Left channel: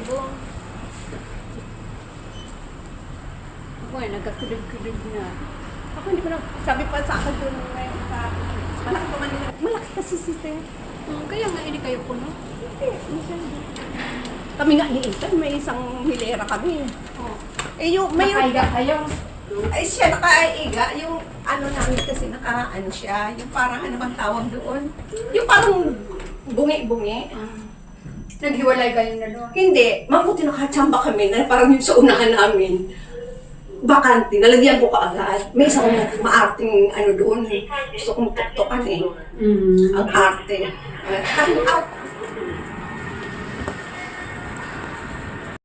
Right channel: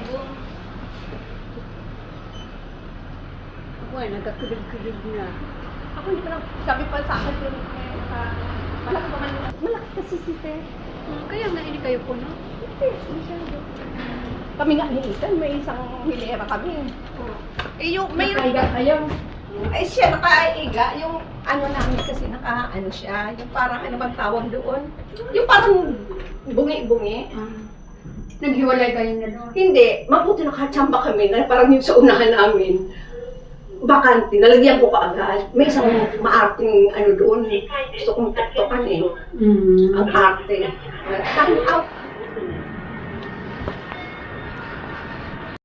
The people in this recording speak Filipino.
ibong. Ako ay nagkakulib-kulib na. Ako hindi ko na, sabi pa sa akin, pero malaki pa man. Malaki kasi sister. Kaya nga hindi kayo puno. Kami nga niintan, may isang hilera kami. Eh yung, may... Nakaiga kayo. Ay siya nakaiga, yung ano namin kasi ano siya, yung parang ano bang tawag doon? Yung parang bungi-bungi. Naghiwalay kayo na doon. Hindi, mabuti nakatsamba kami na parang yung sa unahan namin. Bakante, nalagyan ko kaagad. May isang maarting ano doon. Gusto kong tuktokan eh. Ang arte. Dahil out